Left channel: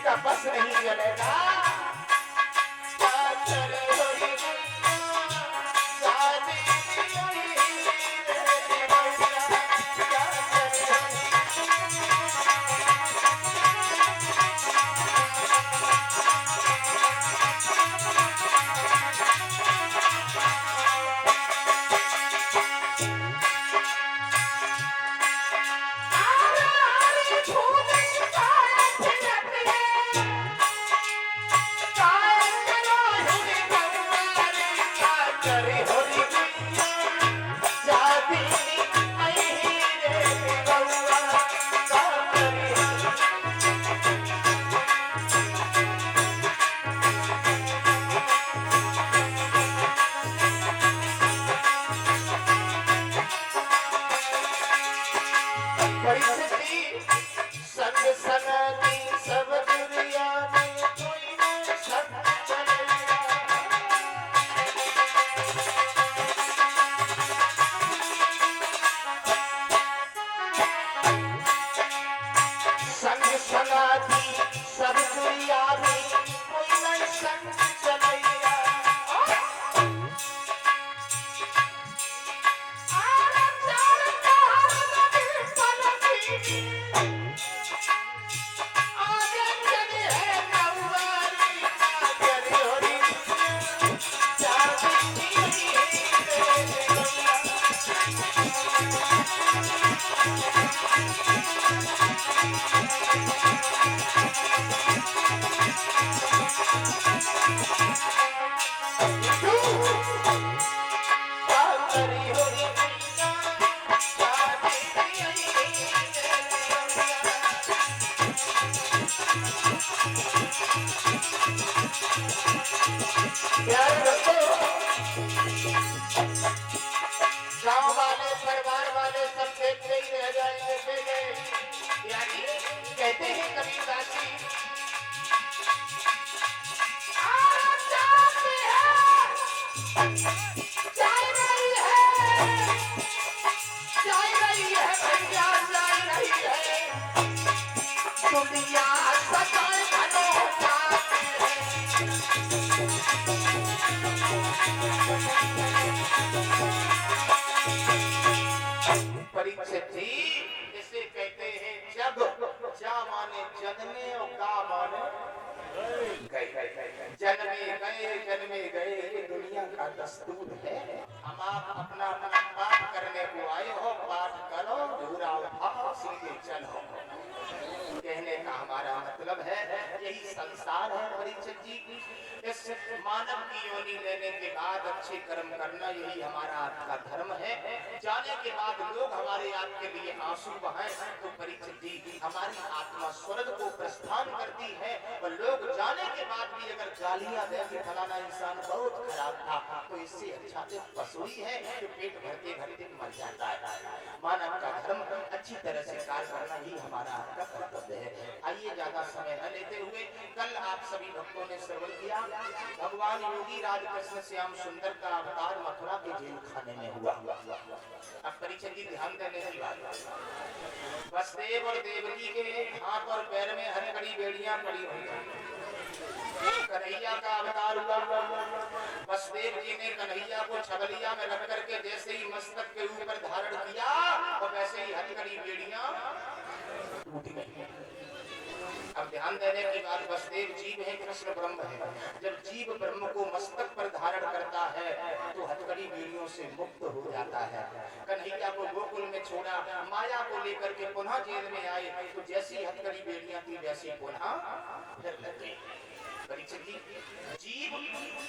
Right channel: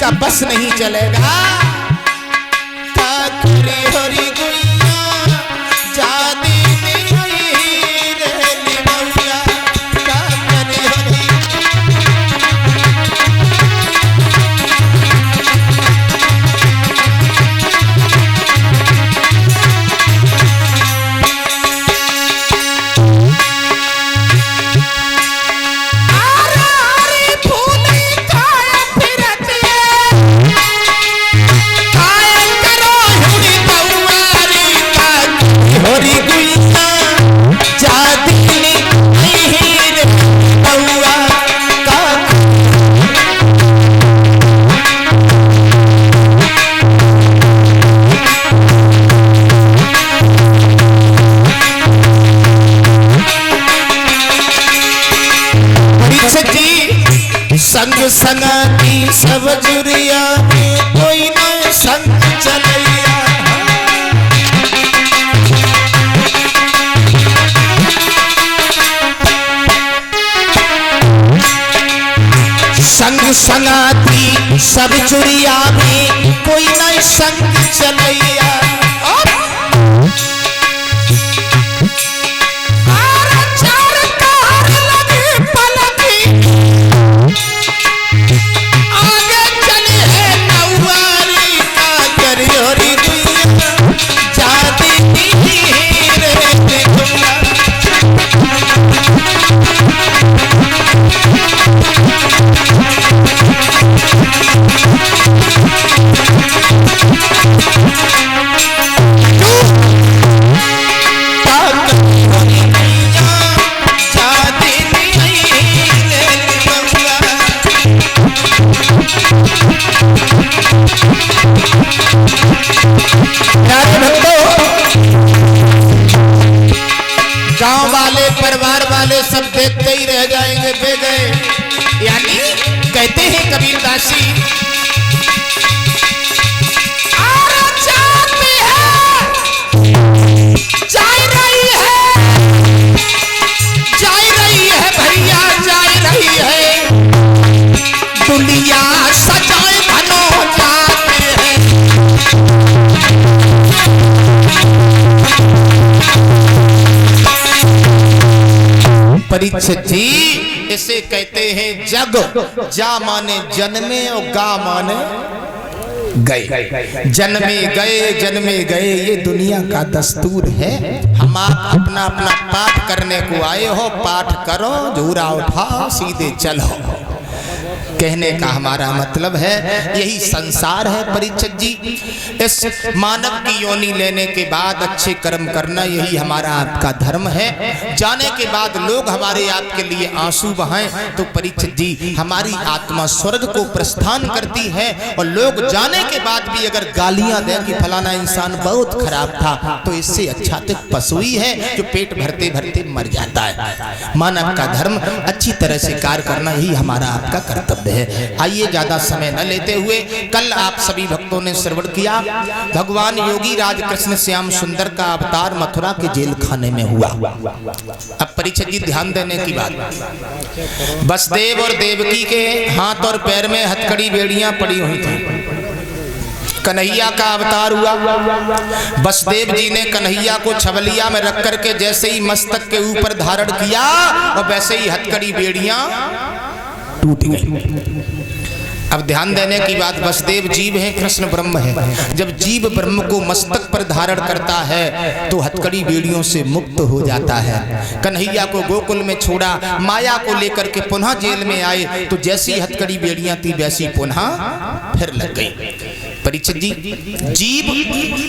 का बस नहीं चलेगा। संग संगती सब जुरिया में कोई न संग चलैया। संग संगती सब जुरिया में कोई न संग चलैया। गांव वाले परिवार वाले सब देखते ही रह जाएंगे बे गए। यानी कहते हैं कबीरदासी भैया जा रही है दुनिया सजाए धनो जाते हैं। परीक्षित जी इसे कहते हैं जग। जा माने जन्मे और गा माने गए। जन्मे गए ये दुनिया का दस्तूर है। हम आप अपना अपना पाठ करने को आए हो, पाठ करो, झूरा उठाओ, सीधे चलो। कहने का हमारा मतलब है यही संसार है परीक्षित जी। इस मानव की योनि लेने के बाद अच्छे कर्म करना यही हमारा आपका धर्म है। जाने के बाद लोग हमारे आपके लिए आंसू बहाएं तो परीक्षित जी हमारी आत्मा स्वर्ग को प्रस्थान करती है। और लोग जाने के बाद भी अगर गालियां दें कि फलाना इंसान बहुत खराब था तो इससे अच्छा तो पशु ही है जो पेट भरते भरते मर जाता है। मानव का धर्म अच्छी तरह से कार्य करना यही हमारा आपका कर्तव्य है। आइए ज्यादा समय न लेते हुए, कल आप सभी भक्तों ने श्रवण किया भगवान योगी राज कृष्ण श्याम सुंदर का अवतार मथुरा के जेल खाने में हुआ। अब परीक्षित जी ध्यान देने की बात, वसुदेव और देवकी के हाथ और पैर में हथकड़ी बेड़ियां पड़ी हुई थी। कन्हैया का अवतार हुआ। वसुदेव जी ने कन्हैया को छबलिया में रख करके जैसे ही मस्तक के ऊपर धारण किया और वैसे ही हथकड़ी बेड़ियां टूट गई। अब ध्यान देने की बात, वसुदेव जीव है, कृष्ण ब्रह्म है। जब जीव ब्रह्म को मस्तक पर धारण करता है तो हथकड़ी बेड़ियों से मुक्त हो जाता है। कन्हैया को गोकुल में छोड़ा, माया को लेकर के पुनः जेल में आए तो जैसी हथकड़ी बेड़ियां थी वैसी पुनः फिर लग गई। परीक्षित जी, जीव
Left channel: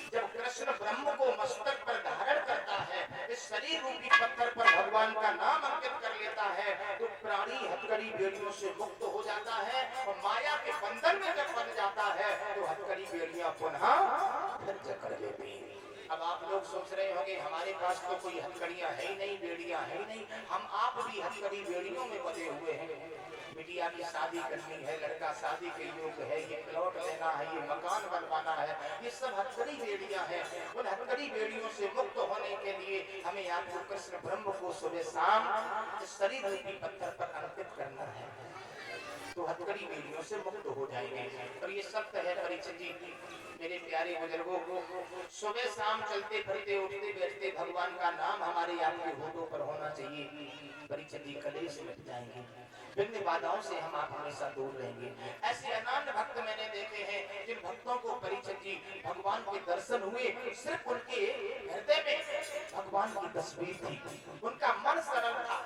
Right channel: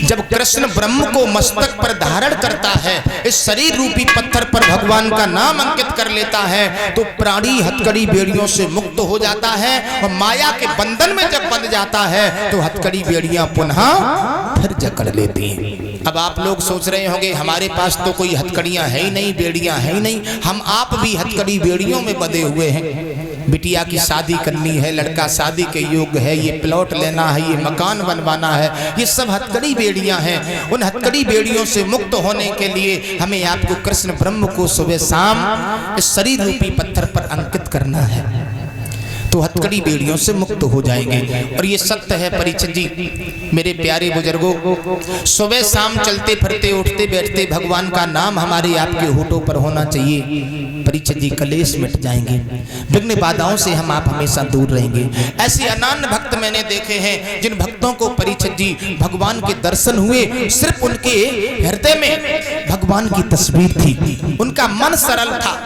जब कृष्ण ब्रह्म को मस्तक पर धारण करता है, इस शरीर रूपी पत्थर पर भगवान का नाम अंकित कर लेता है तो प्राणी हथकड़ी बेड़ियों से मुक्त हो जाता है। और माया के बंधन में जब बंध जाता है तो हथकड़ी बेड़ियां पुनः फिर जकड़ लेती हैं। अब आप लोग सोच रहे होंगे हमारे पास तो कोई हथकड़ियां है ही नहीं, बेड़ियां है ही नहीं, हम आप भी हथकड़ी बेड़ियों में बंधे हुए हैं। बिटिया की शादी करनी है, लड़का शादी के योग्य है, ये प्लॉट लेना है, ये मकान बनवाना है, ये सब हथकड़ी बेड़ियां हैं। उन हथकड़ी बेड़ियों से मुक्त होने के लिए हमें आपको कृष्ण ब्रह्म को सुबह शाम इस शरीर रूपी पत्थर पर अंकित करना है। तो हथकड़ी बेड़ियों से मुक्त हो जाएंगे। और ये सत्य है परीक्षित जी, मेरे प्यारे बुजुर्गों, सुबह शाम चलते फिरते उठते बैठते भगवान का नाम हमारे आपके होठों पर होना चाहिए। परीक्षित जी, कलेश मिट जाएंगे, विघ्न बाधाओं से हम आप हमेशा दूर रहेंगे। ऐसे अनन्य भक्त मैंने देखे हैं जिन भक्तों को परीक्षित जी भगवान के दर्शन हुए, सिर्फ उनके हृदय में भगवान की तस्वीर थी, उनका मन सरल था।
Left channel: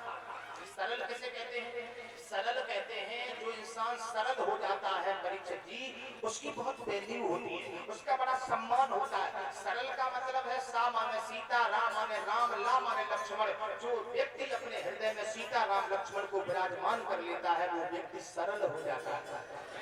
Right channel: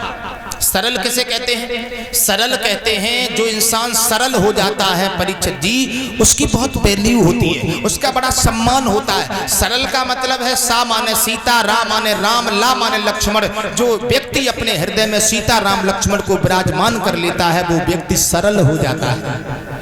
सरल किसे कहते हैं? सरल कहते हैं जो इंसान सरल हो जाता है परीक्षित जी, उसकी बहुत वैल्यू होती है, उसका बड़ा सम्मान होता है। सरल का मतलब है सा माने सीता, रा माने राम, ला माने लक्ष्मण। जो व्यक्ति अपने हृदय में सीता राम लक्ष्मण को विराजमान कर लेता है वो व्यक्ति सरल हो जाता है।